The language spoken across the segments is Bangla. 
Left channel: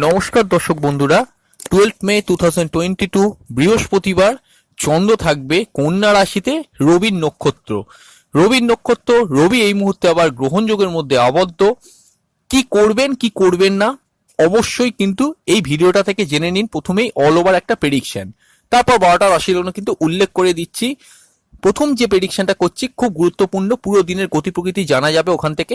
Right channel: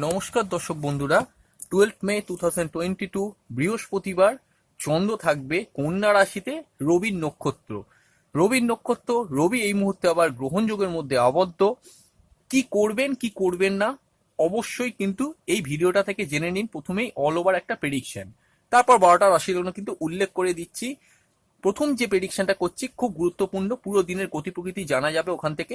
নমস্কার দর্শক বন্ধুরা, 12 মে 2022 বৃহস্পতিবার চন্দ্র থাকবে কন্যা রাশিতে রবির নক্ষত্র। রবি এই মুহূর্তে আবার গ্রহণযোগের মধ্যে আবদ্ধ। কি করবেন কি করবেন না অবশ্যই কিন্তু এই ভিডিওটা থেকে জেনে নিন। প্রথমেই অল ওভার একটা প্রেডিকশন, তারপর 12টা রাশির কিন্তু উল্লেখ করে দিচ্ছি। প্রথম যে প্রেডিকশনটা করছি খুব গুরুত্বপূর্ণ, পুরো দিনের গতি প্রকৃতি জানা যাবে ওখান থেকে।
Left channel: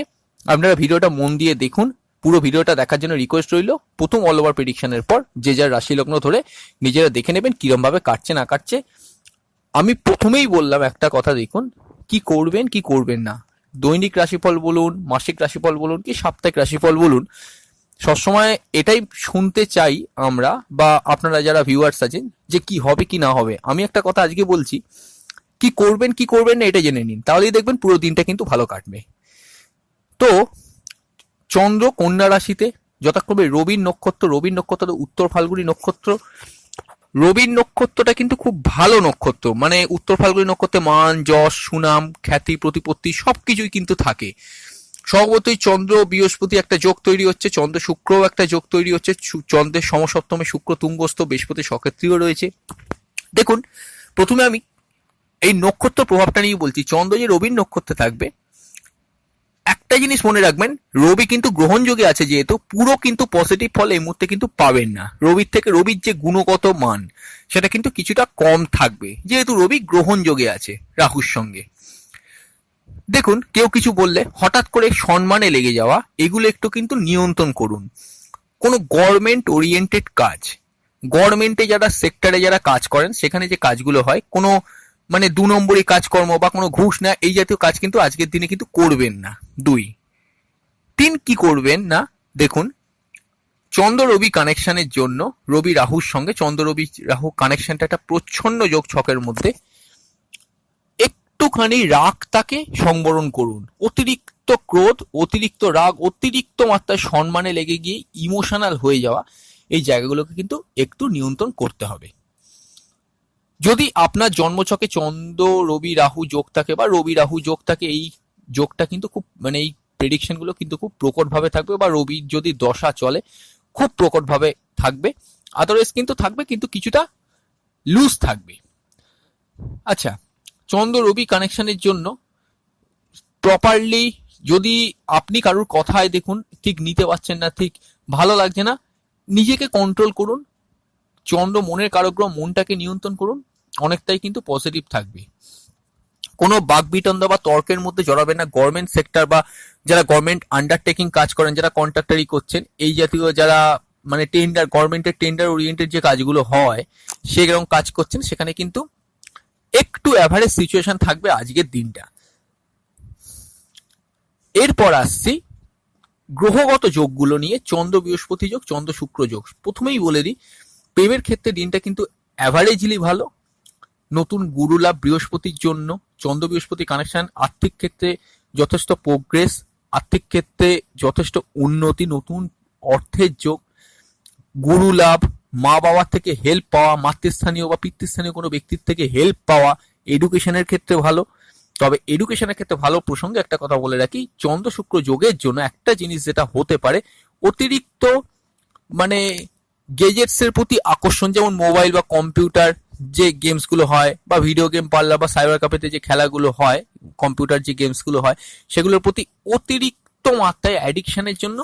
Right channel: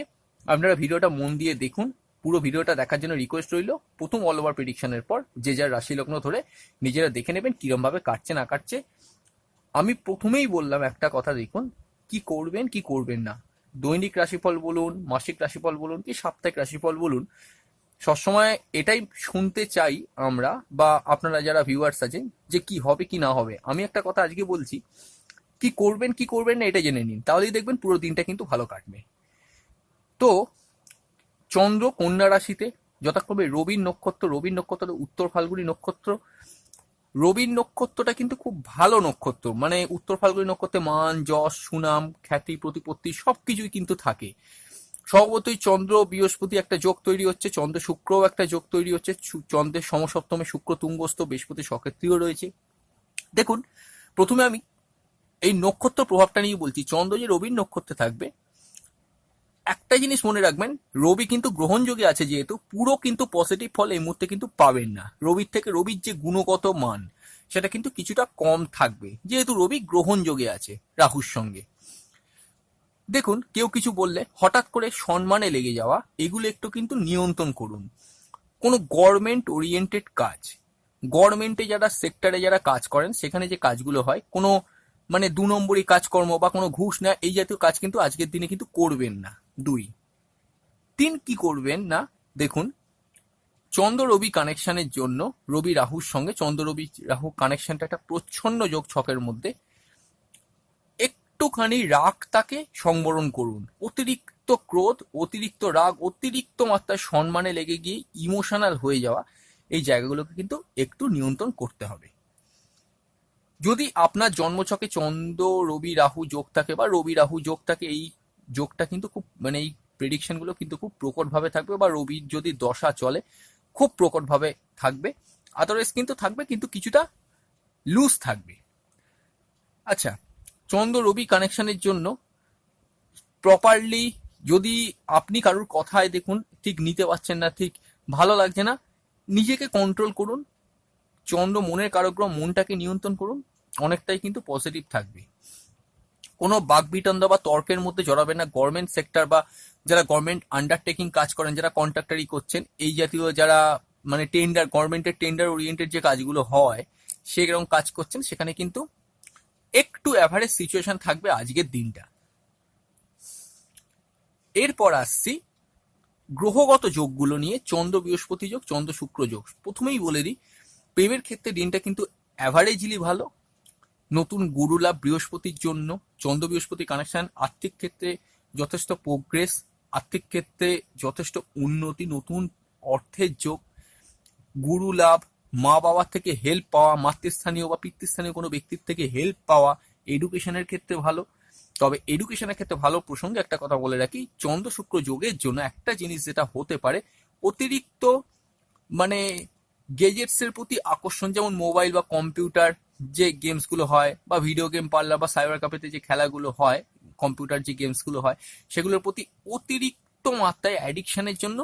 আপনারা ভিডিওটা মন দিয়ে দেখুন। পুরো ভিডিওটা দেখার জন্য রিকোয়েস্ট রইল। প্রথম অল ওভার প্রেডিকশনের পর যে যার রাশি লগ্ন ধরে নিজেরা দেখে নেবেন কিরম ভাবে কাটছে না কাটছে। আমি প্রথমেই বললাম একটা কথা, দেখুন কি করবেন কি করবেন না। দৈনিক রাশিফল বলুন, মাসিক রাশিফল বলুন, কি সাপ্তাহিক রাশিফল বলুন, সবসময় এটাই শুনতে চাই আমরা বা আপনারা যারা ভিউয়ার্স আছেন যে কি হবে কি না হবে। আমি একটা কথা আজকে বলছি, কি করবেন কি করবেন না এটা জেনে নিন, তাহলেই দেখবেন পুরো দিনটা কিন্তু ভালো কাটবে। তো চন্দ্র কন্যা রাশিতে, যথাক্রমে রবির নক্ষত্র উত্তর ফাল্গুনী নক্ষত্র। রবির নক্ষত্রটা কিন্তু খুব ভালো নক্ষত্র, মানে উত্তর ফাল্গুনী নক্ষত্রে মান যশ সুনাম খ্যাতি প্রতিপত্তি সবকিছুই কিন্তু থাকে। স্বভাবতই চন্দ্র বৃহস্পতি একটা যোগ তৈরি হচ্ছে, চন্দ্র শুক্রও একটা যোগ তৈরি হচ্ছে। চন্দ্রের সমসপ্তমে শুক্র তুঙ্গস্থ, বৃহস্পতি সক্রিয় রয়েছে। দেখুন, প্রথমে আমি এই নক্ষত্র প্রভাবটা নিয়ে বলছি। চন্দ্র যে রবির নক্ষত্রে থাকবে, একটা জিনিস মনে রাখবেন, রবি কিন্তু গ্রহণযোগে আছে যেহেতু পুরো কিন্তু পজিটিভ ফল এই মুহূর্তে কিন্তু পাবেন না। রবির যে গুণগত মান সেটা কিন্তু কিছুটা কম থাকবে, যেহেতু রবি গ্রহণযোগে আছে রাহুর সঙ্গে। দেখুন, কেউ কিছু বললে হঠাৎ করে সম্মানে লেগে যাওয়া, এগুলো একটু কিন্তু নিয়ন্ত্রণ করুন। কোনো গভর্নমেন্ট ওরিয়েন্টেড কাজ, গভর্নমেন্টে যারা সেক্টরে যারা কাজ করেন সেখানে যে কাজগুলো হয়, কোনো মানে 2 নম্বরই কাজকর্ম বা কোনো ঘুষ না এই জাতীয় কাজ কিন্তু আজকের দিনে কিন্তু করবেন না। 2, 3 কি করবেন না, দেখুন চন্দ্র রবি কানেকশনের জন্য, রবি রাহুর সঙ্গে চন্দ্র রবি রাহু কানেকশনটা একটা প্রচ্ছন্ন যোগ ছকের মধ্যে। একটুখানি রাগটাকে সংবরণ করুন। অতিরিক্ত ক্রোধ, অতিরিক্ত রাগ, অতিরিক্ত মাত্রায় সম্মানে লেগে গিয়ে ইমোশনাল হয়ে যাওয়া, এই জায়গাগুলোকে কিন্তু একটু নিয়ন্ত্রণ করতে হবে। যদি আপনার জন্মছকে চন্দ্র রবি রাহু যোগ থাকে বা রবি রাহু যোগ থাকে, এই যোগটা কিন্তু খুব মানে এই প্রেডিকশন গুলো কিন্তু খুব প্রকটভাবে থাকবে, বা রবির যদি দশা চলে খুব প্রকটভাবে থাকবে। আদারওয়াইজ কিন্তু থাকবে, কিন্তু কিছুটা লুজ থাকবে। আচ্ছা, চন্দ্র রবি কানেকশনের জন্য প্রপারলি যদি আপনি কারুর কথায় দেখুন ঠিক নিতে পারছেন না, ঠিক ভালো লাগছে না, নিজেকে কন্ট্রোল করুন। চন্দ্র মনের কারগ্রহ, মনটাকে নিয়ন্ত্রণ করুন, অনেকটাই কিন্তু পজিটিভ থাকবে। কোনো বাকবিতণ্ডা বা তর্কের মধ্যে জড়াবেন না। গভর্নমেন্ট সেক্টর বা যারা গভর্নমেন্ট আন্ডারটেকিং কাজ করেন, যারা কন্ট্রাক্টারি করছেন, এই জাতীয় যারা মানে টেন্ডার, গভর্নমেন্টের টেন্ডার ওরিয়েন্টেড যে কাজগুলো হয় সেরকম কাজ করছেন, সেখানে কিন্তু একটু অ্যাভারেজ সিচুয়েশন থাকবে আজকের দিনটা। এরপর আসছি গ্রহগত যোগগুলো নিয়ে। চন্দ্র বৃহস্পতি যোগ, চন্দ্র শুক্র যোগ। প্রথমেই বলে দিই, প্রেমের ক্ষেত্রে দিনটা কিন্তু অ্যাভারেজলি ভালো। নতুন গুরু লাভ বৃহস্পতির জন্য, চন্দ্র বৃহস্পতি কানেকশন আর্থিক ক্ষেত্রে যথেষ্ট প্রোগ্রেস, আর্থিক ক্ষেত্রে যথেষ্ট উন্নতি, নতুন অর্থের যোগ, গুরু লাভ, মা বাবার থেকে হেল্প পাওয়া, মাতৃস্থানীয় বা পিতৃস্থানীয় কোনো ব্যক্তির থেকে হেল্প পাওয়া, এডুকেশনের ক্ষেত্রে ভালো। তবে এডুকেশনের ক্ষেত্রে ভালো প্রসঙ্গে একটা কথা বলে রাখি, চন্দ্র শুক্র যোগের জন্য একটা জিনিস যেটা হতে পারে, অতিরিক্ত মানে গেজেটস এর প্রতি আকর্ষণ, যেমন মোবাইল বা কম্পিউটার যে গেমস গুলো হয়, বা ভিডিও গেম পার্লার বা সাইবার ক্যাফেতে যে খেলাগুলো হয়, কম্পিউটার যে গেমস গুলো হয়, সেগুলোর প্রতি অতিরিক্ত মাত্রায় অ্যাডিকশনের জন্য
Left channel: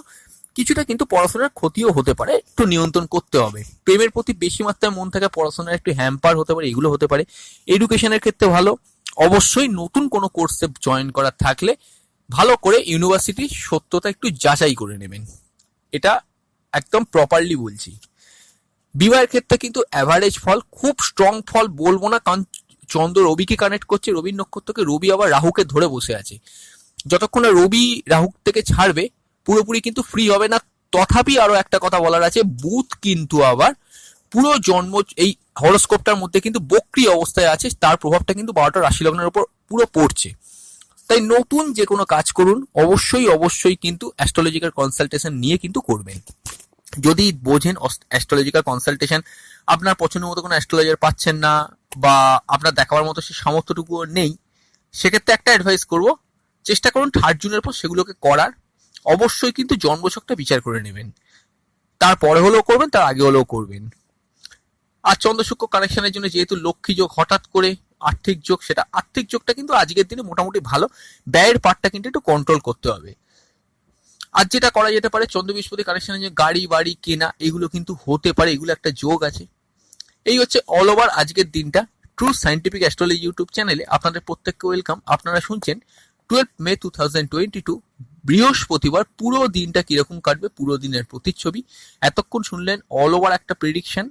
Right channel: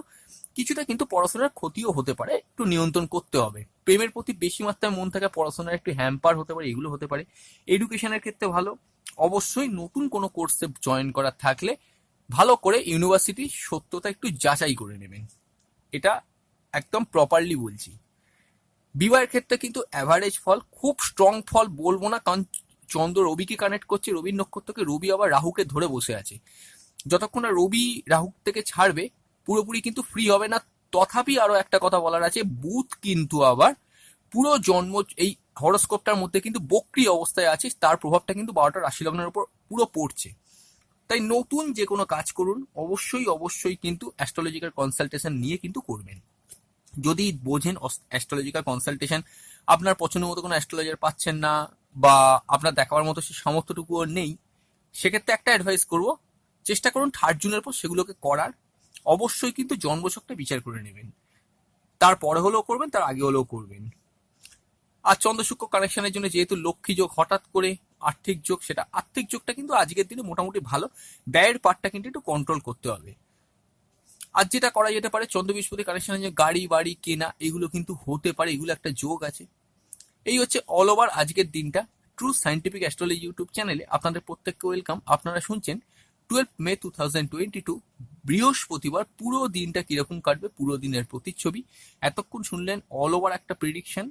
কিছুটা কিন্তু পড়াশোনার ক্ষতিও হতে পারে, একটু নিয়ন্ত্রণ করতে হবে। প্রেমের প্রতি বেশি মাত্রায় মন থাকা, পড়াশোনার একটু হ্যাম্পার হতে পারে, এগুলো হতে পারে। এডুকেশনের ক্ষেত্রে ভালো। অবশ্যই নতুন কোনো কোর্সে জয়েন করার থাকলে ভালো করে ইউনিভার্সিটির সত্যতা একটু যাচাই করে নেবেন, এটা একদম প্রপারলি বলছি। বিবাহের ক্ষেত্রে কিন্তু অ্যাভারেজ ফল, খুব স্ট্রং ফল বলবো না, কারণ চন্দ্র রবিকে কানেক্ট করছে, রবির নক্ষত্রকে, রবি আবার রাহুকে ধরে বসে আছে। যতক্ষণ না রবি রাহু থেকে ছাড়বে পুরোপুরি কিন্তু ফ্রি হবে না। তথাপি আরো একটা কথা বলার আছে, বুধ কিন্তু আবার পুরো জন্ম এই হরোস্কোপটার মধ্যে কিন্তু বক্রি অবস্থায় আছে, তার প্রভাবটা কিন্তু 12টা রাশি লগ্নের উপর পুরো পড়ছে। তাই নতুন যে কোনো কাজ করুন অবশ্যই কিন্তু অ্যাস্ট্রোলজিক্যাল কনসালটেশন নিয়ে কিন্তু করবেন। যদি বোঝেন অ্যাস্ট্রোলজিক্যাল কনসালটেশন আপনার পছন্দের মতো কোনো অ্যাস্ট্রোলজার পাচ্ছেন না, বা আপনার দেখাবার মতো সে সামর্থ্যটুকুও নেই, সেক্ষেত্রে একটা অ্যাডভাইস করব, চেষ্টা করুন 3rd জুনের পর সেগুলোকে করার। অবশ্যই কিন্তু জন্মছকটা বিচার করে নেবেন। তারপরে হলেও করবেন, তার আগে হলেও করবেন। আর চন্দ্র শুক্র কানেকশনের জন্য যেহেতু লক্ষ্মী যোগ হঠাৎ করে আর্থিক যোগ, সেটা আর্থিক যোগটা কিন্তু আজকের দিনে মোটামুটি ভালো, ব্যয়ের পার্টটা কিন্তু একটু কন্ট্রোল করতে হবে। আর যেটা করা যেতে পারে চন্দ্র বৃহস্পতি কানেকশনে যে গাড়ি বাড়ি কেনা এগুলো কিন্তু হতে পারে, এগুলো একটা যোগ আছে। এই হচ্ছে অল ওভার আজকের দিনটা। ট্রু সায়েন্টিফিক অ্যাস্ট্রোলজি ইউটিউব চ্যানেলে আপনাদের প্রত্যেককে ওয়েলকাম। আপনারা শুনছেন 12 মে 2022 বৃহস্পতিবার পুরো দিনটা কিরকম কাটবে, পুরো দিনের প্রতিচ্ছবি। এতক্ষণ শুনলেন অল ওভার একটা প্রেডিকশন।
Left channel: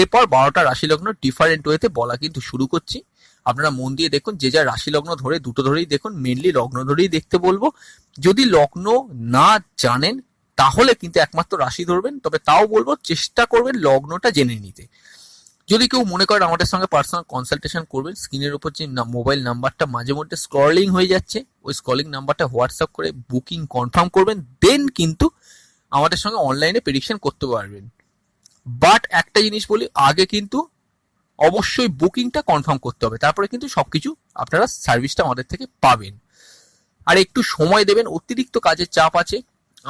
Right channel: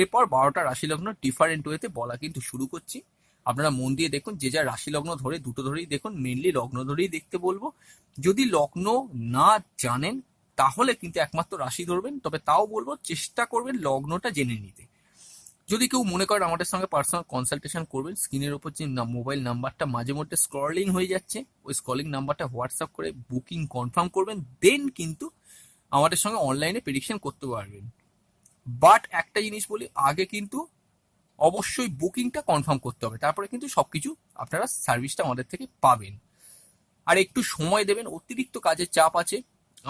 এরপর 12টা রাশি লগ্ন ডিফারেন্ট ওয়েতে বলা কিন্তু শুরু করছি। আপনারা মন দিয়ে দেখুন, যে যা রাশি লগ্ন ধরে দুটো ধরেই দেখুন, মেনলি লগ্ন ধরেই দেখতে বলবো। যদি লগ্ন না জানেন তাহলে কিন্তু একমাত্র রাশি ধরবেন, তবে তাও বলবো চেষ্টা করবেন লগ্নটা জেনে নিতে। যদি কেউ মনে করেন আমাদের সঙ্গে পার্সোনাল কনসালটেশন করবেন, স্ক্রিনের উপর যে মোবাইল নাম্বারটা মাঝে মধ্যে স্ক্রলিং হয়ে যাচ্ছে, ওই স্ক্রলিং নাম্বারটা হোয়াটসঅ্যাপ করে বুকিং কনফার্ম করবেন, দেন কিন্তু আমাদের সঙ্গে অনলাইনে প্রেডিকশন করতে পারবেন। বাট একটা জিনিস বলি, আগে কিন্তু অবশ্যই বুকিংটা কনফার্ম করতে হবে, তারপরে কিন্তু সবকিছু আপনারা সার্ভিসটা আমাদের থেকে পাবেন। আর একটু সময় দেবেন, অতিরিক্ত কাজের চাপ আছে,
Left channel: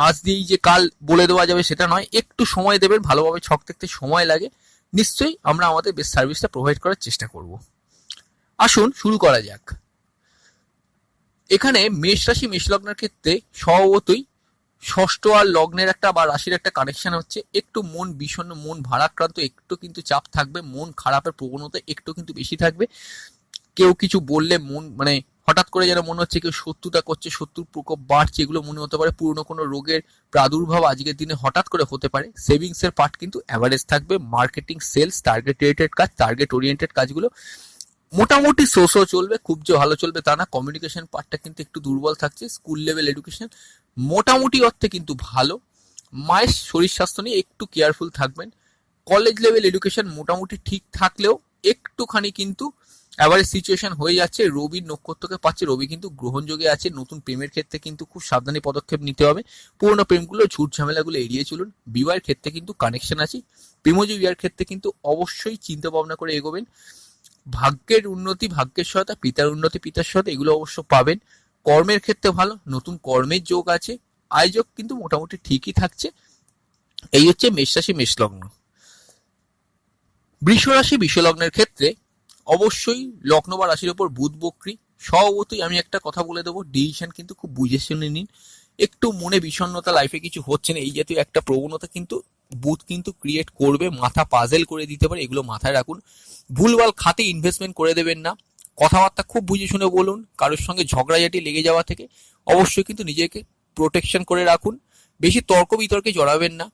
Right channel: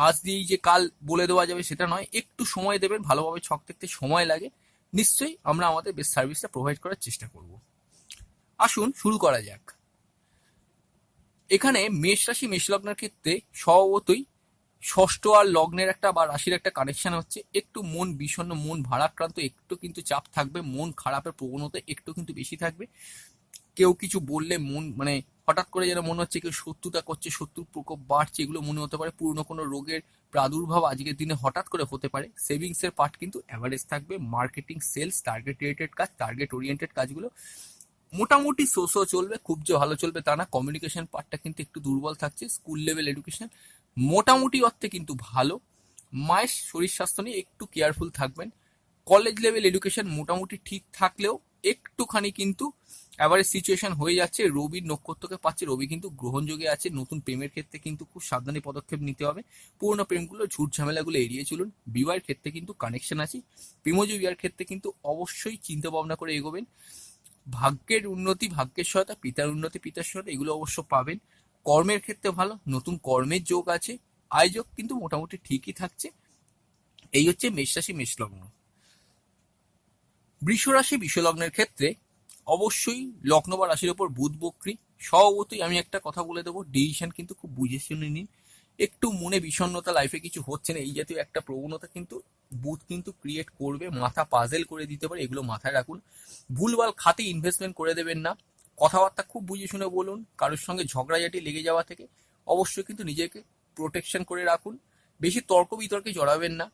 আজ দিয়েই যে কাল বলে দেওয়া যাবে সেটা নয়, একটু সময় দেবেন, ভালোভাবে ছক দেখতে সময় লাগে, নিশ্চয়ই আমরা আমাদের বেস্ট সার্ভিসটা প্রোভাইড করার চেষ্টা করব। আসুন শুরু করা যাক। এখানে মেষ রাশি মেষ লগ্নের ক্ষেত্রে স্বভাবতই ষষ্ঠ আর লগ্নের একটা বা রাশির একটা কানেকশন হচ্ছে, একটু মন বিষণ্ণ, মন ভারাক্রান্ত, একটু কিন্তু চাপ থাকবে, মন খারাপের প্রবণতা একটু কিন্তু বেশি থাকবে। কেউ কিছু বললে মন মানে হঠাৎ করে যেন মনে হচ্ছে কেউ শত্রুতা করছে, শত্রুর প্রকোপ বাড়ছে, এগুলো মনে হতে পারে। পুরনো কোনো রোগের প্রাদুর্ভাব আজকের দিনে হঠাৎ করে হতে পারে। সেভিংস এর পার্ট কিন্তু অ্যাভারেজ থাকবে। মার্কেটিং, সেলস, টার্গেট রিলেটেড কাজ, টার্গেট ওরিয়েন্টেড কাজগুলো মোটামুটি সোসো চলবে, খুব যে ভালো চলবে তা না। কমিউনিকেশন পার্টটা কিন্তু একটু দুর্বল থাকছে। স্কুল লেভেল এডুকেশন মোটামুটি অর্থে কিন্তু ভালো। মায়ের শরীর স্বাস্থ্য নিয়ে একটু কেয়ারফুল থাকবেন। কলেজ লেভেল এডুকেশন মোটামুটি ঠিক থাকলেও একটুখানি কিন্তু এবারে সিচুয়েশন হয়ে যাচ্ছে। রবির নক্ষত্রকে পাচ্ছে, রবি কিন্তু গ্রহণযোগে আছে। নতুন প্রেমের ক্ষেত্রে কিন্তু খুব সাবধানী পদক্ষেপ নিতে হবে। পুরোনো প্রেমগুলো, ঝুট ঝামেলাগুলো এড়িয়ে চলুন। বিবাহের ক্ষেত্রে কিন্তু কানেকশন আছে। প্রেমজ বিবাহের ক্ষেত্রে কিন্তু অবশ্যই চিন্তা ভাবনা করে এগোবেন। ভাগ্যের উন্নতি, ভাগ্যের সহায়তা, পিতার উন্নতি, পিতার সহায়তা এগুলো অবশ্য পাবেন। কর্মের ক্ষেত্রে ভালো, নতুন কর্মের যোগ আছে। আয় যোগ কিন্তু মোটামুটি ঠিকই থাকছে। এই হচ্ছে মেষ রাশি মেষ লগ্ন। বৃষ রাশি বৃষ লগ্নের ক্ষেত্রে অবশ্যই লগ্ন বা রাশির ওপর বুধ বক্রী। স্বভাবতই আমি একটা কথা বলে দেবো, ডিসিশন কিন্তু খুব বুঝে শুনে নিন। একটু মনে বিষণ্ণতা, লাইফে কিছু হচ্ছে না, এই জাতীয় একটা প্রবণতা কিন্তু বুধ কিন্তু ক্রিয়েট করবে, মাথা পাজেল করে দিতে পারে, এগুলো মাথায় রাখুন। ভুলভাল খাতে ইনভেস্টমেন্ট করে দেবেন না। কথাবার্তা খুব বুঝে শুনে বলুন। কারোর সঙ্গে ঝগড়াঝাটি লেগে যাওয়া থেকে অবশ্যই কিন্তু নিজেকে প্রোটেকশন করে রাখুন। বেশি তর্ক বিতর্কে জড়াবেন না।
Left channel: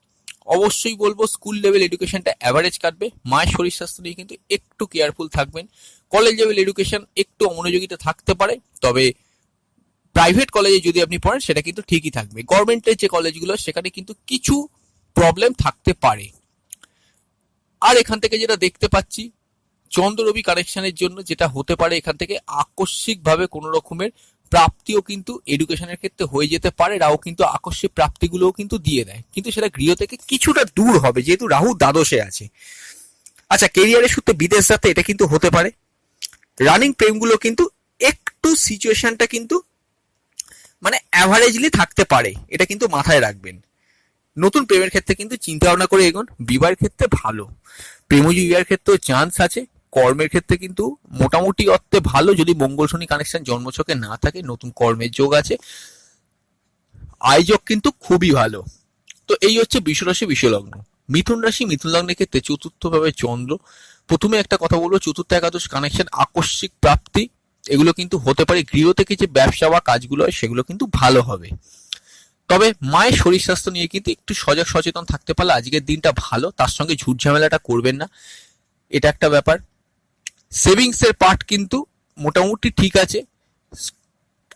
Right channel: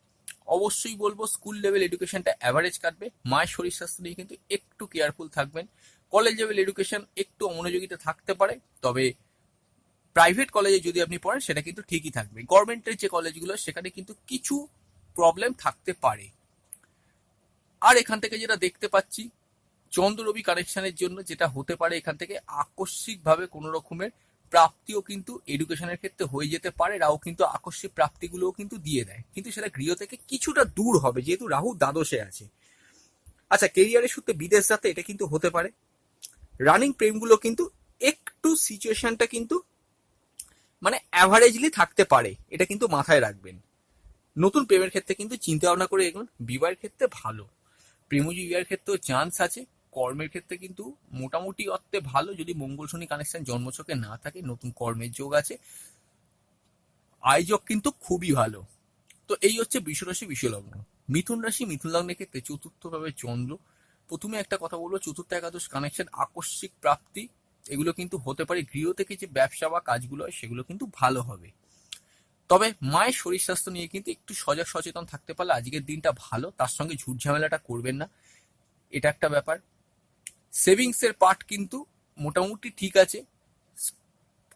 অবশ্যই বলবো স্কুল লেভেল এডুকেশনটা অ্যাভারেজ কাটবে। মায়ের শরীর স্বাস্থ্য নিয়ে কিন্তু একটু কেয়ারফুল থাকবেন। কলেজ লেভেল এডুকেশন একটু অমনোযোগিতা থাকতে পারে, তবে প্রাইভেট কলেজে যদি আপনি পড়েন সেটা কিন্তু ঠিকই থাকবে। গভর্নমেন্টের যে কলেজগুলো সেখানে কিন্তু কিছু প্রবলেম থাকতে পারে। আর এখান থেকে যেটা দেখতে পাচ্ছি, চন্দ্র রবি কানেকশনের জন্য যেটা হতে পারে, এখান থেকে আকস্মিকভাবে কোনো রকমের প্রাপ্তিও কিন্তু এডুকেশনের ক্ষেত্রে হয়ে যেতে পারে। রাহু কিন্তু আকস্মিক প্রাপ্তিগুলোও কিন্তু দিয়ে দেয়, কিন্তু সেটা গৃহ থেকে কিছুটা দূর হবে যেহেতু রাহু দ্বাদশে আছে। আচ্ছা, কেরিয়ারের সূত্রে বিদেশ যাতে এটা কিন্তু হতে পারে। রানিং প্রেমগুলো কিন্তু একটু সিচুয়েশনটা কিন্তু মানে অ্যাভারেজলি থাকতে পারে, এটা কিন্তু মাথায় রাখবেন। নতুন প্রেমের ক্ষেত্রে কিন্তু চিন্তা ভাবনা করে এগোন। বিবাহের ক্ষেত্রে ভালো, প্রেমজ বিবাহের ক্ষেত্রেও চান্স আছে। কর্মের ক্ষেত্রে কিন্তু মোটামুটি অর্থে ভালো, যদি মঙ্গল শনি কানেকশন জন্মছকে না থাকে, নতুন কর্মের যোগ আছে। আয় যোগ কিন্তু খুবই ভালো। তো এই হচ্ছে বৃষ রাশি বৃষ লগ্ন। মিথুন রাশি মিথুন লগ্নের ক্ষেত্রে চতুর্থ ভাবে চন্দ্র। প্রথমে একটা কথা বলবো, চতুর্থ একাদশ কানেকশন আকস্মিক প্রাপ্তি এগুলো কিন্তু হতে পারে। গৃহ থেকে যে ব্যবসা বা কাজগুলো হয় সেগুলো কিন্তু ভালো হবে। তবে মায়ের শরীর স্বাস্থ্য নিয়ে কিন্তু একটু সজাগ সচেতন থাকতে পারলে আজকের দিনটা ভালো। তার সঙ্গে ঝুট ঝামেলাটা করবেন না, এটা একটা ব্যাপার। সেভিংস এর পার্ট কিন্তু মোটামুটি ঠিক আছে।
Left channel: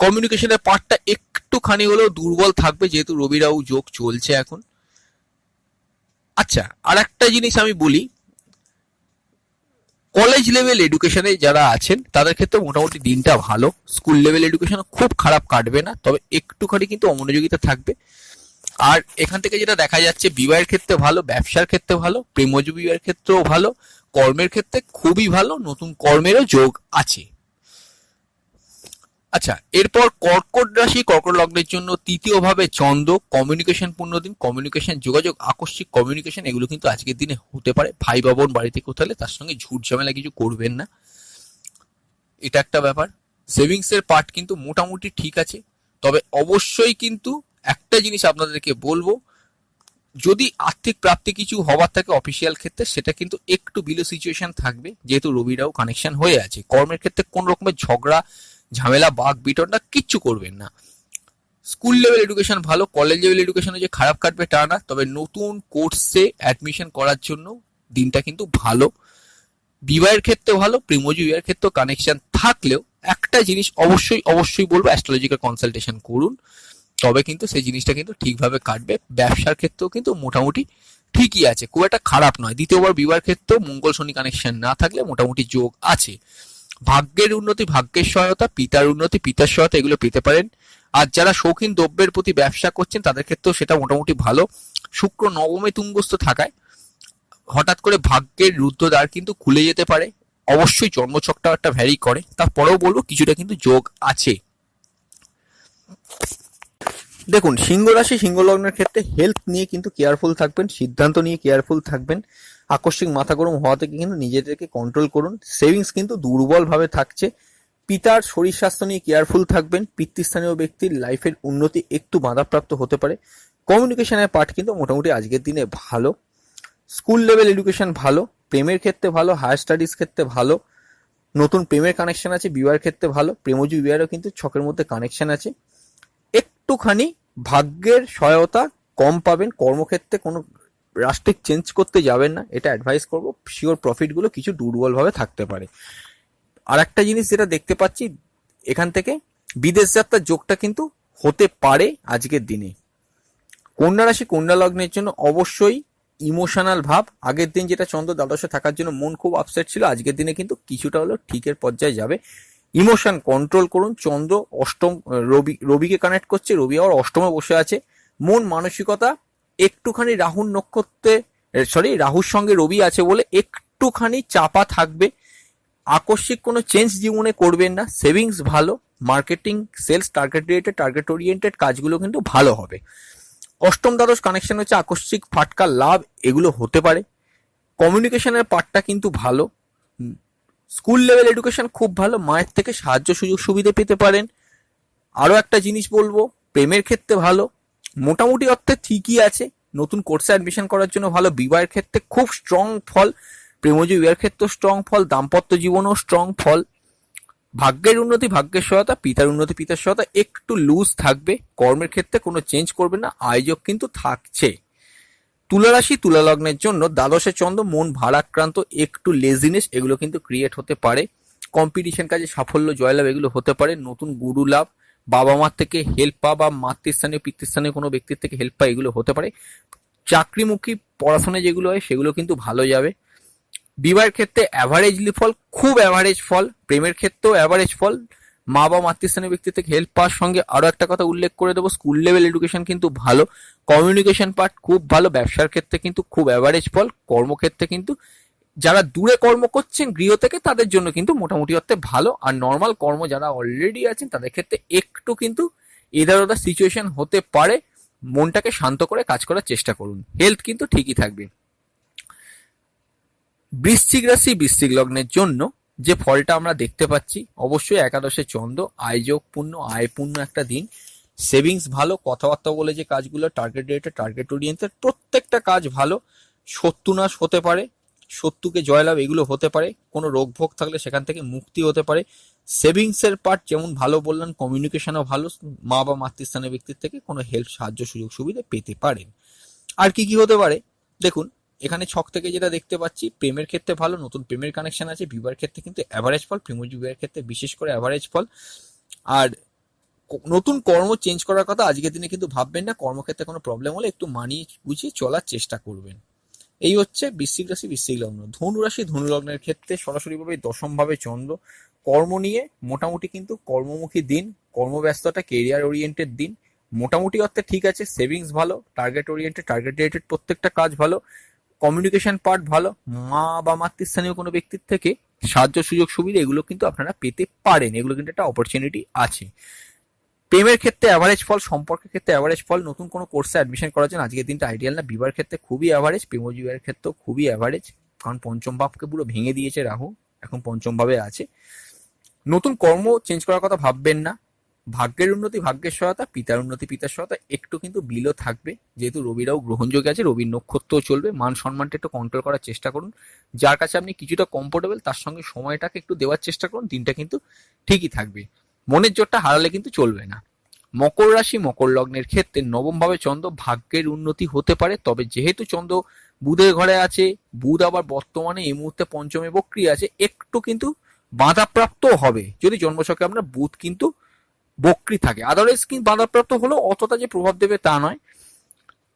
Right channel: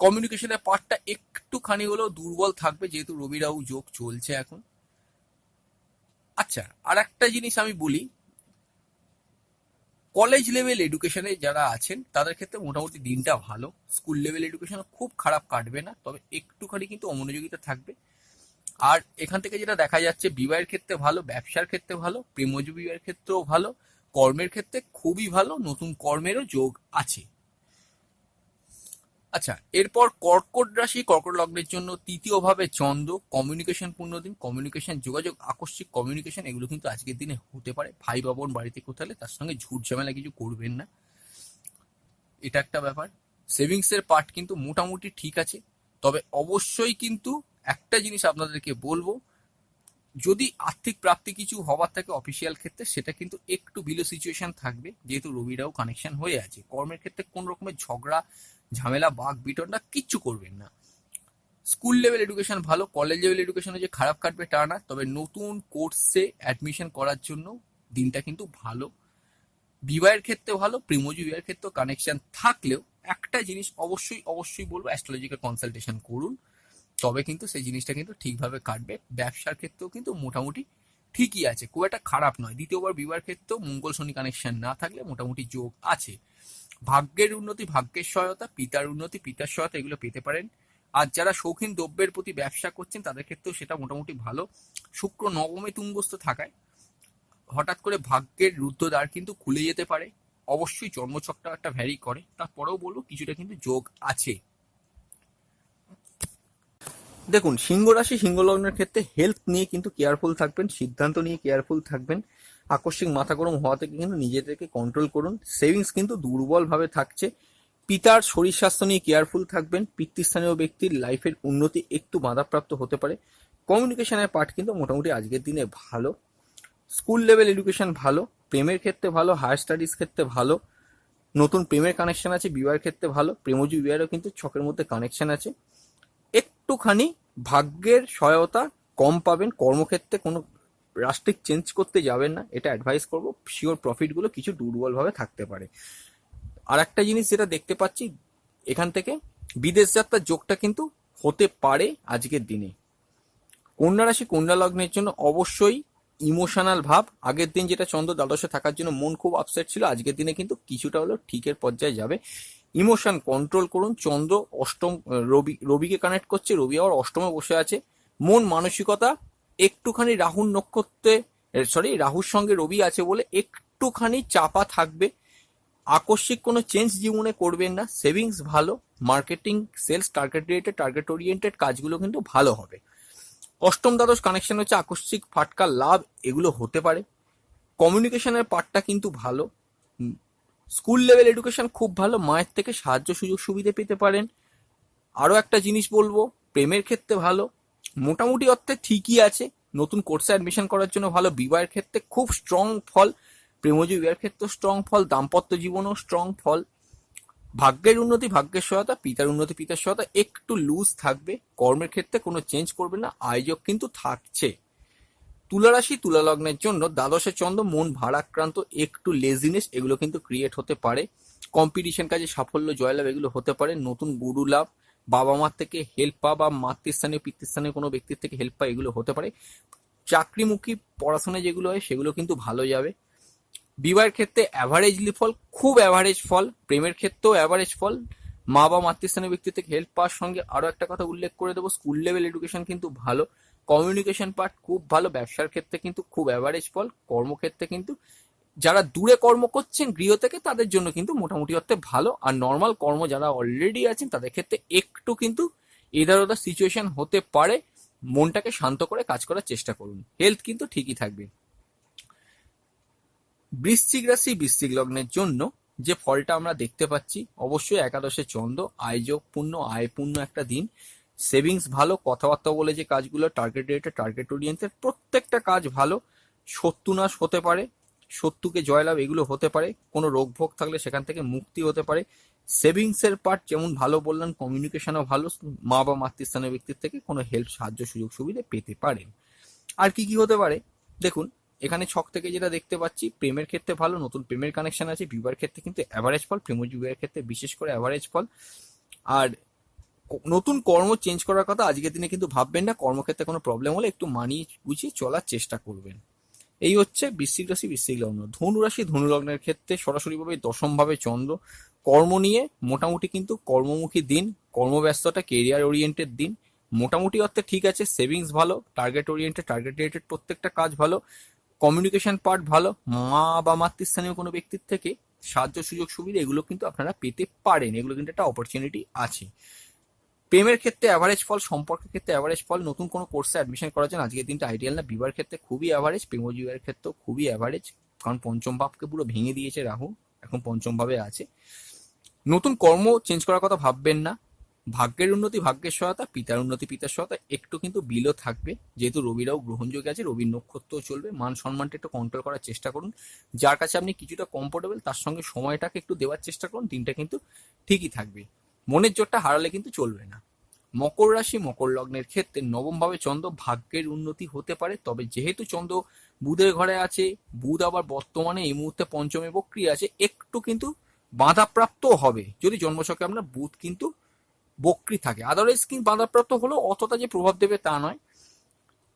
কমিউনিকেশনের পার্টটা একটুখানি হলেও দুর্বল থাকবে যেহেতু রবি রাহু যোগ চলছে এখন। আচ্ছা, আর একটা জিনিস আমি বলি, কলেজ লেভেল এডুকেশনে যারা আছেন তাদের ক্ষেত্রে মোটামুটি দিনটা ভালো। স্কুল লেভেল এডুকেশন খুব খারাপ কাটবে না, তবে একটুখানি কিন্তু অমনোযোগিতা থাকবে। আর এখান থেকে যেটা দেখা যাচ্ছে, বিবাহের ক্ষেত্রে ভালো, ব্যবসার ক্ষেত্রে ভালো, প্রেমজ বিবাহের ক্ষেত্রেও ভালো, কর্মের ক্ষেত্রে খুবই ভালো, নতুন কর্মেরও যোগ আছে। আচ্ছা, এরপর কর্কট রাশি, কর্কট লগ্নের জন্য তৃতীয় ভাবে চন্দ্র, কমিউনিকেশন পূর্ণ দিন। কমিউনিকেশন, যোগাযোগ, আকস্মিক কমিউনিকেশন এগুলো কিন্তু আজকের দিনে হতে পারে। ভাই বাবন বাড়িতে কোথাও হলে তার সঙ্গে ঝুট ঝামেলা কিছু করবেন না, এটা একটা ব্যাপার। সেভিংস এর পার্ট কিন্তু মোটামুটি ঠিক আছে, তবে অবশ্যই কিন্তু একটা জিনিস আপনাদেরকে বলবো, যদি আর্থিক প্রাপ্তি কিছু হবার থাকে অফিসিয়াল ক্ষেত্রে, সেটা কিন্তু একটু বিলো সিচুয়েশন থাকবে, যেহেতু রবিরাও কানেকশন হয়ে আছে। কর্মের ক্ষেত্রে কোন রকমের ঝগড়া ঝামেলা বাঘ বিতণ্ডা কিচ্ছু করবেন না। স্কুল লেভেল এডুকেশন ভালো, কলেজ লেভেল এডুকেশনে যে খারাপ কাটবে তা না, তবে নতুন কোর্সে অ্যাডমিশন করার জন্য দিনটা কিন্তু ভালো। বিবাহের ক্ষেত্রে ভালো, প্রেমজ বিবাহের ক্ষেত্রে কানেকশন থাকলেও একটা জিনিস অবশ্যই অবশ্যই বলবো, অ্যাস্ট্রোলজিক্যাল কনসালটেশন করুন, তবে কিন্তু সেই জিনিসটা কিন্তু ঠিকভাবে কাটবে। ব্যবসার ক্ষেত্রেও কিন্তু মোটামুটি ঠিকই আছে, খুব একটা খারাপ নয়। দ্বিতীয়বার বিবাহের ক্ষেত্রেও মঙ্গল শনি কানেকশন না থাকলে মোটামুটি যোগ আছে। ভাগ্যের উন্নতি, ভাগ্যের সহায়তা, পিতার উন্নতি, পিতার সহায়তা এগুলো পেতে পারেন। আর যারা শৌখিন দ্রব্যের প্রতি ব্যবসা করছেন তাদের ক্ষেত্রেও সেটা মোটামুটি ভালো। শুক্র নবমে তুঙ্গস্থ থাকায় হঠাৎ করে ভাগ্যের রুদ্ধদ্বার কিন্তু খুলে যেতে পারে। অবশ্যই জন্মছকটা একটা ভ্যারি করে, তারপরেও বলবো কিছুটা কিন্তু যোগ আছে। দেখুন, সিংহ রাশি সিংহ লগ্নের ক্ষেত্রে হেলথ নিয়ে কিন্তু কেয়ারফুল থাকবেন, সিদ্ধান্ত নিয়ে কেয়ারফুল থাকবেন। আকস্মিক মাথা গরম হওয়া থেকে কিন্তু নিজেদেরকে কন্ট্রোল করুন। সেভিংস কিন্তু দুর্বলভাবে থাকছে। পিতার শরীর স্বাস্থ্য নিয়ে কেয়ারফুল থাকবেন। পিতৃস্থানীয় ব্যক্তির লাইফের উন্নতি একটু বাধাপ্রাপ্ত হতে পারে। কমিউনিকেশনের পার্ট কিন্তু মোটামুটি আজকের দিনে ভালো। স্কুল লেভেল এডুকেশন ভালো, প্রেমের ক্ষেত্রে ভালো, হায়ার স্টাডিজ ক্ষেত্রে ভালো, নতুন প্রেমের কানেকশন আছে। বিবাহের ক্ষেত্রে ভালো, প্রেমজ বিবাহেরও কিন্তু ছকের মধ্যে কানেকশন আছে। একটুখানি ভাগ্যের সহায়তা কম পাবেন। কর্মক্ষেত্রে কোনো রাষ্ট্রিক চেঞ্জ করতে যাবেন না, এটা অ্যাডভাইস করবো। শিওর প্রফিটগুলো কিছু দুর্বলভাবে থাকতে পারে। আর একটা জিনিস যেটা দেখতে পাচ্ছি এখান থেকে, বিদেশ যাত্রার যোগটা কিন্তু হতে পারে আজকের দিনে। কন্যা রাশি কন্যা লগ্নের জন্য অবশ্যই ইমোশনাল ভাব। আগের দিন যেটা চন্দ্র দ্বাদশে থাকার জন্য মন খুব আপসেট ছিল, আজকের দিনে কিন্তু কিছুটা হলেও ঠিকের পর্যায়ে যাবে। ইমোশন কন্ট্রোল করুন। চন্দ্র অষ্টম, রবিকে কানেক্ট করছে, রবি আবার অষ্টমে বসে আছে। মন মানসিকতা একটুখানি রাহুর নক্ষত্রে, রাহুর সঙ্গে রবি আছে বলে একটুখানি চাপা থাকবে। আকস্মিক কোনো চেঞ্জ জীবনে করবেন না। সেভিংস ভালো, marketing, sales, target related, target oriented কাজগুলো কিন্তু ভালো হবে। অষ্টম দ্বাদশ কানেকশন হচ্ছে আকস্মিক ফাটকা লাভ এগুলো হতে পারে। কমিউনিকেশনের পার্টটা কিন্তু ভালো। স্কুল লেভেল এডুকেশন খুব ভালো, মায়ের থেকে সাহায্য সুযোগ সুবিধা পেতে পারেন। আরও একটা জিনিস বলবো, প্রেমের ক্ষেত্রে ভালো, মোটামুটি অর্থে ঠিকই আছে। নতুন কোর্সে অ্যাডমিশন করার জন্য ভালো। বিবাহের ক্ষেত্রে খুব স্ট্রং ফল, প্রেমজ বিবাহের ক্ষেত্রে স্ট্রং ফল, দাম্পত্য জীবনেও স্ট্রং ফল। ভাগ্যের উন্নতি, ভাগ্যের সহায়তা, পিতার উন্নতি, পিতার সহায়তা একটু লুজ থাকবে। কর্মের ক্ষেত্রে কোনো চেঞ্জ করবে না, আয়োজক কিন্তু থাকছে। তুলা রাশি তুলা লগ্নের জন্য দ্বাদশে চন্দ্র, মন ভারাক্রান্ত, একটু লেজিনেস এগুলো কিন্তু ক্রিয়েট হতে পারে। কম্পিটিশন কাজে সাফল্য, জয়লাভ এগুলো হতে পারে। নতুন গুরু লাভ, বাবা মার থেকে হেল্প পাওয়া বা মাতৃস্থানীয় পিতৃস্থানীয় কোনো ব্যক্তির থেকে হেল্প পাওয়া এগুলো হতে পারে। চাকরিমুখী পড়াশোনা যেগুলো হয় সেগুলো কিন্তু ভালো যাবে। বিবাহের ক্ষেত্রে অ্যাভারেজলি ফল, খুব অ্যাভারেজ ফল। প্রেমের ক্ষেত্রেও অ্যাভারেজ ফল। মা বা মাতৃস্থানীয় ব্যক্তি থেকে হেল্প পাওয়ার সঙ্গে আরো একটা কথা উল্লেখ করে দেবো, স্কুল লেভেল এডুকেশন কিন্তু ভালো, কমিউনিকেশন পার্ট খুব ভালো। ব্যবসার ক্ষেত্রে কিন্তু খুব অ্যাভারেজ ফল। কর্মক্ষেত্রে কিন্তু যারা দূরে কর্ম করছেন গৃহ থেকে তাদের জন্য কিন্তু মোটামুটি অর্থে ভালো। আর নর্মাল কর্ম যারা অলরেডি আছেন তাদের ক্ষেত্রে একটু কিন্তু এদার ওদার সিচুয়েশন হতে পারে। মনটাকে শান্ত করে কাজ করার চেষ্টা করুন। হেলথ কিন্তু ঠিকই থাকবে। বৃশ্চিক রাশি বৃশ্চিক লগ্নের জন্য যে ফলটা আমরা দেখতে পাচ্ছি, অবশ্যই একাদশে চন্দ্র, আয়যোগপূর্ণ, আয়পূর্ণ একটা দিন। সেভিংস ভালো, কথাবার্তা বলে যে কাজগুলো, টার্গেট রিলেটেড, টার্গেট ওরিয়েন্টেড প্রত্যেকটা কাজ ভালো। শত্রুনাশ হতে পারে, শত্রুকে জয়লাভ এগুলো হতে পারে। কোনো রোগ ভোগ থাকলে সেখান থেকে মুক্তি হতে পারে। সেভিংসের পার্ট যেমন ভালো বললাম, কমিউনিকেশনও ভালো। মা বা মাতৃস্থানীয় ব্যক্তির থেকে কোনো হেল্প, সাহায্য, সুযোগ সুবিধা পেতে পারেন। আর কি কি হতে পারে দেখুন, এখানে ছক থেকে যেটা দেখতে পাচ্ছি, প্রেমের ক্ষেত্রে ভালো, নতুন প্রেমের কানেকশন আছে। বিবাহের ক্ষেত্রে কিন্তু অ্যাভারেজ ফল, প্রেমজ বিবাহের ক্ষেত্রে বিশেষ করে অ্যাভারেজ ফল। আর নতুন কর্ম চেঞ্জ করার কথা আজকের দিনে কিন্তু ভাববেন না। কর্মক্ষেত্রে কোনো প্রবলেম হলে একটু মানিয়ে গুছিয়ে চলার চেষ্টা করবেন। এই হচ্ছে বৃশ্চিক রাশি বৃশ্চিক লগ্ন। ধনু রাশি ধনু লগ্নের ক্ষেত্রে সরাসরিভাবে দশমভাবে চন্দ্র, কর্ম নিয়ে মোটামুটি কিন্তু কর্মমুখী দিন, কর্মব্যস্ততা, কেরিয়ার ওরিয়েন্টেড দিন। মোটামুটি অর্থে ঠিক আছে। সেভিংস ভালো, টার্গেট ওরিয়েন্টেড, টার্গেট রিলেটেড প্রত্যেকটা কাজ ভালো। কমিউনিকেশন পার্ট ভালো। মা বা মাতৃস্থানীয় কোনো ব্যক্তির থেকে সাহায্য সুযোগ সুবিধা এগুলো কিন্তু আপনারা পেতে পারেন, এগুলো কিন্তু একটা অপরচুনিটি আছে। প্রেমের ক্ষেত্রে অ্যাভারেজ ফল, সম্পর্কের ক্ষেত্রে অ্যাভারেজ ফল, নতুন কোনো কোর্সে অ্যাডমিশন করার জন্য আজকের দিনটা আইডিয়াল না। বিবাহের ক্ষেত্রে খুবই অ্যাভারেজ, প্রেমজীবীর ক্ষেত্রেও খুবই অ্যাভারেজ, কারণ পঞ্চম ভাবকে পুরো ভেঙে দিয়েছে রাহু, এখন পঞ্চম ভাবে আছে। নতুন কর্ম চেঞ্জ করার কথা ভাববেন না। ভাগ্যের উন্নতি, ভাগ্যের সহায়তা, পিতার উন্নতি, পিতার সহায়তা একটু কিন্তু বিলও থাকবে, যেহেতু রবিরাও গ্রহণযোগ্য আছে, রবির নক্ষত্রও চলবে। মান সম্মানটা একটু কন্ট্রোল করার চেষ্টা করুন, যার কাছে আপনি কিছুটা কমফোর্টেবল তার সঙ্গে সময়টাকে একটু দেওয়ার চেষ্টা করুন, দিনটা কিন্তু ঠিকই থাকবে। মনের জোরটা হারালে কিন্তু চলবে না। মকর রাশি, মকর লগ্নের ক্ষেত্রে নবম ভাবে চন্দ্র, ভাগ্যের উন্নতি হতে পারে, তবে যেহেতু চন্দ্র বুধের ঘরে আছে, বুধ আবার বর্তমানে এই মুহূর্তে পঞ্চমে বক্রী আছে, একটু কিন্তু বাধাপ্রাপ্ত হবে যদি জন্মছকে আপনার বুধ কিন্তু বক্রী থাকে। আদারওয়াইজ কিন্তু বাধাপ্রাপ্ত হলেও অতটা যে প্রভাব দেবে তা নয়।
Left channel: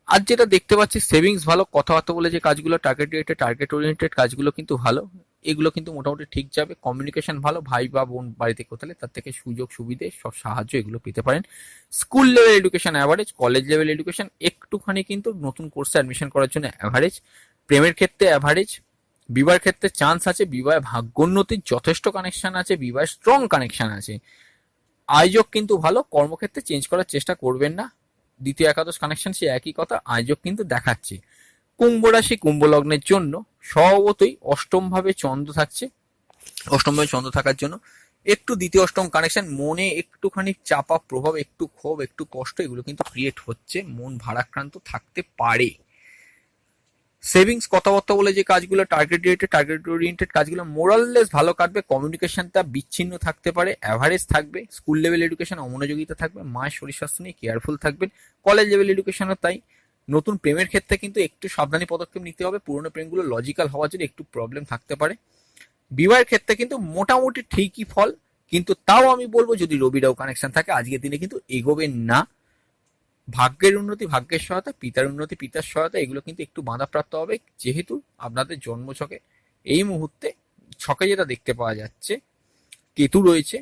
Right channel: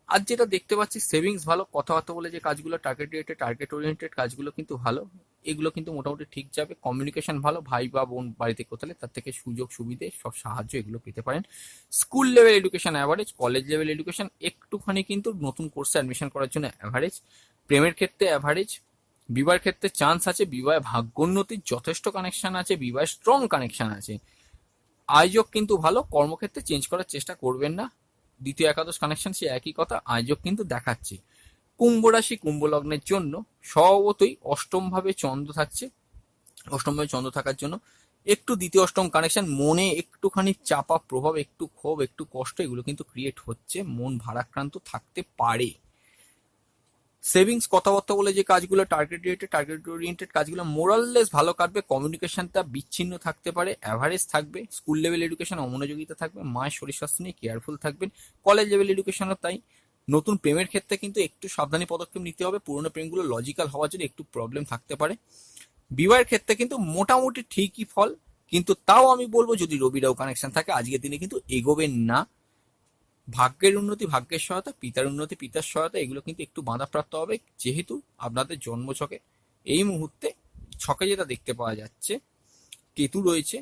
আজ যেটা দেখতে পাচ্ছি, সেভিংস ভালো, কথাবার্তা বলে যে কাজগুলো টার্গেট রিলেটেড, টার্গেট ওরিয়েন্টেড কাজগুলো কিন্তু ভালো, এগুলো কিন্তু মোটামুটি ঠিক যাবে। কমিউনিকেশন ভালো, ভাই বা বোন বাড়িতে কোথালে তার থেকে সুযোগ সুবিধে সব সাহায্য এগুলো পেতে পারেন। School level education average, college level education একটুখানি কিন্তু নতুন কোর্সে অ্যাডমিশন করার জন্য অ্যাভারেজ। প্রেমের ক্ষেত্রে অ্যাভারেজ, বিবাহের ক্ষেত্রে চান্স আছে, বিবাহে ভাগ্যোন্নতির যথেষ্ট কানেকশন আছে, বিবাহে স্ট্রং কানেকশন আছে। আয়োজক কিন্তু ভালো, কর্মক্ষেত্রে চেঞ্জ করার চেষ্টা করবেন না। দ্বিতীয় একাদশ কানেকশন সে একই কথা, আয়োজক কিন্তু দেখাচ্ছে। কুম্ভ রাশি, কুম্ভ লগ্নের জন্য স্বভাবতই অষ্টম ভাবে চন্দ্র থাকছে, অষ্টম ভাবে চন্দ্র থাকার জন্য একটু দ্বিতীয় অষ্টম কানেকশন, মনে একটুখানি চাপা প্রভাব, একটু ক্ষোভ, একটু কষ্ট এগুলো কিন্তু ক্রিয়েট হচ্ছে, মন ভারাক্রান্ত থাকতে পারে। সেভিংস, কথাবার্তা বলে যে কাজগুলো টার্গেট রিলেটেড, টার্গেট ওরিয়েন্টেড কাজগুলো মোরাললেস ভালো কাটবে, কমিউনিকেশনটা বিচ্ছিন্ন থাকতে পারে, অ্যাভারেজ থাকবে। স্কুল লেভেল এডুকেশন অমনোযোগিতা থাকবে, মায়ের শরীর স্বাস্থ্য নিয়ে কেয়ারফুল থাকবেন। কলেজ লেভেল এডুকেশনও তাই। নতুন প্রেমের ক্ষেত্রে কিন্তু একটু সাবধানী পদক্ষেপ নিতে হবে, পুরোনো প্রেমগুলো লজিক্যাল হওয়ার জন্য একটু প্রবলেম থাকতে পারে। বিবাহের ক্ষেত্রে কিন্তু মোটামুটি ঠিকই ফল, কিন্তু তাও আমি বলবো যদি রবিরাও কানেকশন থাকে আজকের দিনে কিন্তু এগোবেন না। ভাগ্যের উন্নতি, ভাগ্যের সহায়তা, পিতার উন্নতি, পিতার সহায়তা এগুলো কিন্তু একটু বাধাপ্রাপ্ত হবে, যেহেতু আপনাদের জন্মছকে এই মুহূর্তে ছকে যেটা দেখতে পাওয়া যাচ্ছে কেতু রয়েছে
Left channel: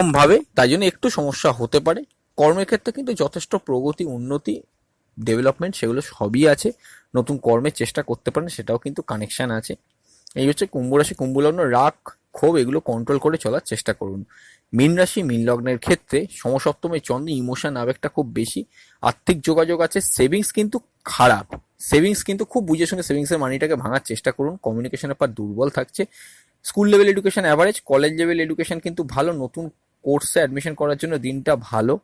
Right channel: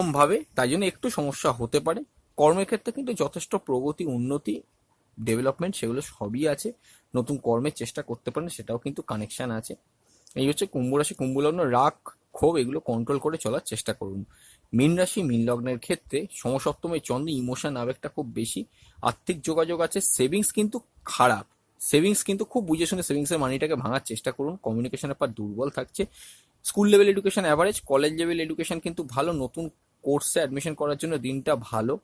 ভাবে, তাই জন্য একটু সমস্যা হতে পারে। কর্মের ক্ষেত্রে কিন্তু যথেষ্ট প্রগতি, উন্নতি, ডেভেলপমেন্ট সেগুলো সবই আছে, নতুন কর্মের চেষ্টা করতে পারেন, সেটাও কিন্তু কানেকশন আছে। এই হচ্ছে কুম্ভ রাশি, কুম্ভ লগ্ন, রাগ ক্ষোভ এগুলো কন্ট্রোল করে চলার চেষ্টা করুন। মীন রাশি, মীন লগ্নের ক্ষেত্রে সমসপ্তমে চন্দ্র, ইমোশন আবেগটা খুব বেশি, আর্থিক যোগাযোগ আছে, সেভিংস কিন্তু খারাপ, সেভিংস কিন্তু খুব বুঝে শুনে সেভিংসের মানিটাকে ভাঙার চেষ্টা করুন, কমিউনিকেশনের পর দুর্বল থাকছে। School level education average, college level education কিন্তু ভালো, নতুন কোর্সে অ্যাডমিশন করার জন্য দিনটা ভালো।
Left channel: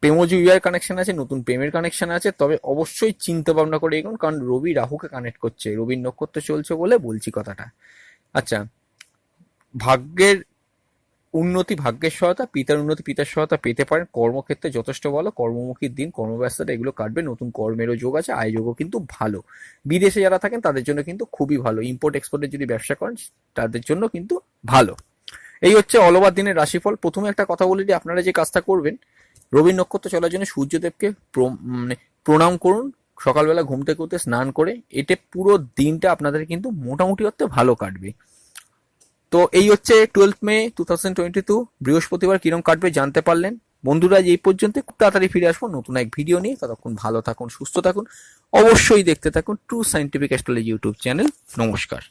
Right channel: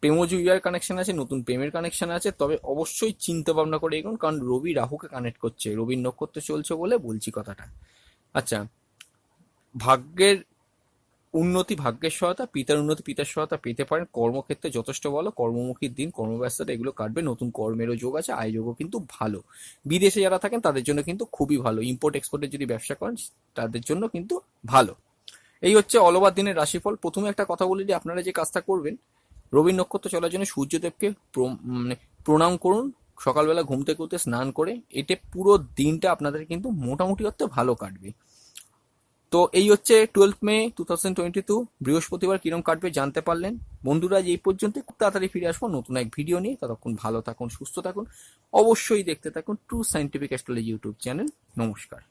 প্রেমজীবীর কানেকশন আছে, নতুন প্রেমের কানেকশন আছে, তবে অবশ্যই চিন্তা ভাবনা করে এগোন, কারণ রবি রাহুকে কানেক্ট করছে, রবির নক্ষত্র চলছে বলে বলছি কথাটা। আচ্ছা, ভাগ্যের উন্নতি, ভাগ্যের সহায়তা, পিতার উন্নতি, পিতার সহায়তা পেতে পারেন। কর্মক্ষেত্রে যথেষ্ট ভালো, কর্মমুখীর দিন, কর্মব্যস্ততা এগুলো কাটবে, নতুন কর্মেরও যোগ আছে, আয়যোগও কিন্তু ভালো। বিদেশে যারা থাকেন তাদের জন্য কিন্তু খুবই ভালো, ইম্পোর্ট এক্সপোর্টের যদি ব্যবসা করেন তাদের জন্য কিন্তু ভালো। এই হচ্ছে অল ওভার দিনের রাশিফল। প্রথমে একটা কথা বলে দিই, আপনারা যে কাজটা করবেন, রবির নক্ষত্র চলার জন্য সূর্যদেবকে প্রণাম করুন, সকালবেলা ঘুম থেকে উঠে স্নান করে, এতে পুরো দিনটা আপনাদের কিন্তু মোটামুটি অর্থে ভালো কাটবে। তো এই হচ্ছে 12 মে 2022 বৃহস্পতিবার কিরম কাটবে জানতে পারলেন। বন্ধুরা এই পর্যন্ত, খুব তাড়াতাড়ি ফিরে আসবো নতুন এক ভিডিও নিয়ে, ততক্ষণ ভালো থাকুন, সুস্থ থাকুন, অবশ্যই দেখতে থাকুন true scientific astrology YouTube channel. নমস্কার।